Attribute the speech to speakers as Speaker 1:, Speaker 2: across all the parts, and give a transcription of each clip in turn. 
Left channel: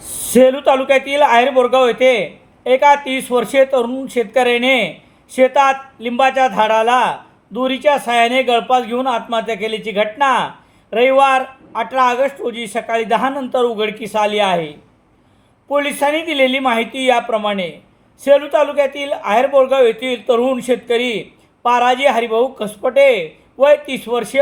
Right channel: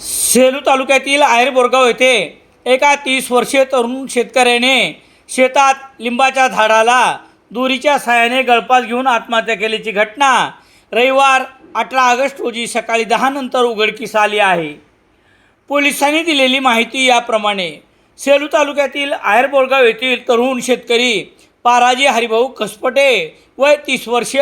Speaker 1: सेलू तालुक्यातील आहेर बोरगाव येथे एका तीस वर्षीय तरुण शेतकऱ्याने शेतात लिंबाच्या झाडाला दोरीच्या साहाय्याने गळपास घेऊन आत्महत्या केल्याची घटना रविवार अठरा ऑगस्ट रोजी सकाळी दहा नंतर उघडकीस आली आहे. पोलिसांनी दिलेली माहिती याप्रमाणे सेलू तालुक्यातील आहेर बोरगाव येथील तरुण शेतकरी पाराजी हरिभाऊ कसपटे वय तीस वर्ष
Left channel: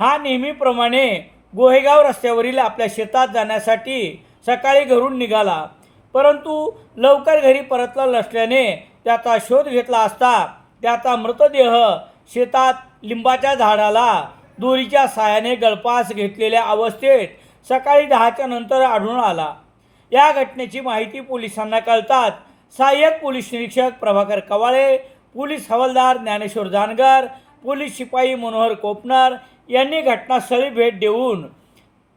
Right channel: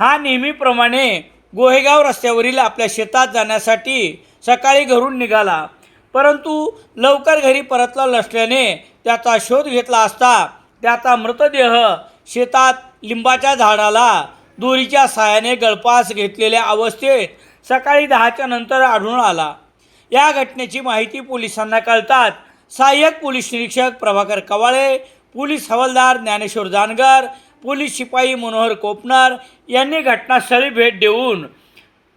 Speaker 1: हा नेहमीप्रमाणे गोहेगाव रस्त्यावरील आपल्या शेतात जाण्यासाठी सकाळी घरून निघाला. परंतु लवकर घरी परतला नसल्याने त्याचा शोध घेतला असता त्याचा मृतदेह शेतात लिंबाच्या झाडाला दोरीच्या सहाय्याने गळपास घेतलेल्या अवस्थेत सकाळी दहाच्या नंतर आढळून आला. या घटनेची माहिती पोलिसांना कळतात सहाय्यक पोलीस निरीक्षक प्रभाकर कवाळे पोलीस हवालदार ज्ञानेश्वर जानगर पोलीस शिपाई मनोहर कोपनर यांनी घटनास्थळी भेट देऊन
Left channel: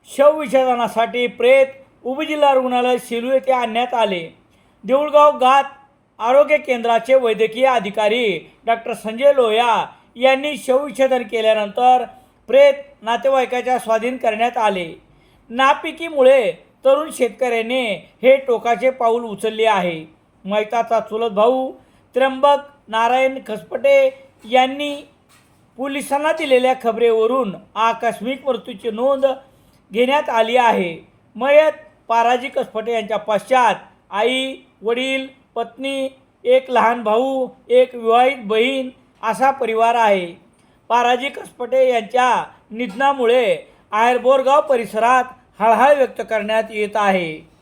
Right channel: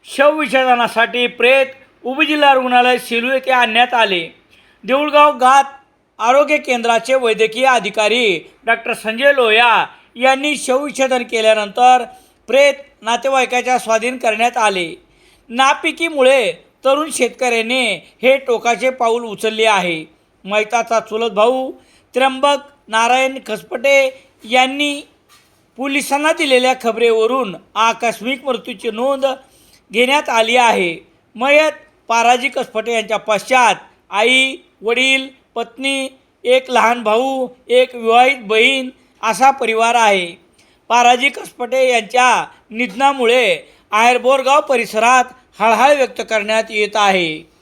Speaker 1: शवविच्छेदनासाठी प्रेत उपजिल्हा रुग्णालय सेलू येथे आणण्यात आले. देऊळगाव गात आरोग्य केंद्राचे वैद्यकीय अधिकारी डॉक्टर संजय लोया यांनी शवविच्छेदन केल्यानंतर प्रेत नातेवाईकाच्या स्वाधीन करण्यात आले. नापिकीमुळे तरुण शेतकऱ्याने हे टोकाचे पाऊल उचलले आहे. मैताचा चुलत भाऊ त्र्यंबक नारायण खसपटे यांनी पोलिसांना दिलेल्या खबरेवरून आकस्मिक मृत्यूची नोंद घेण्यात आली आहे. मयत पाराजी कसपटे यांच्या पश्चात आई वडील पत्नी एक लहान भाऊ एक विवाहित बहीण असा परिवार आहे. पाराजी कसपटे यांच्या निधनामुळे आहेरबोरगाव परिसरात हळहळ व्यक्त करण्यात येत आहे.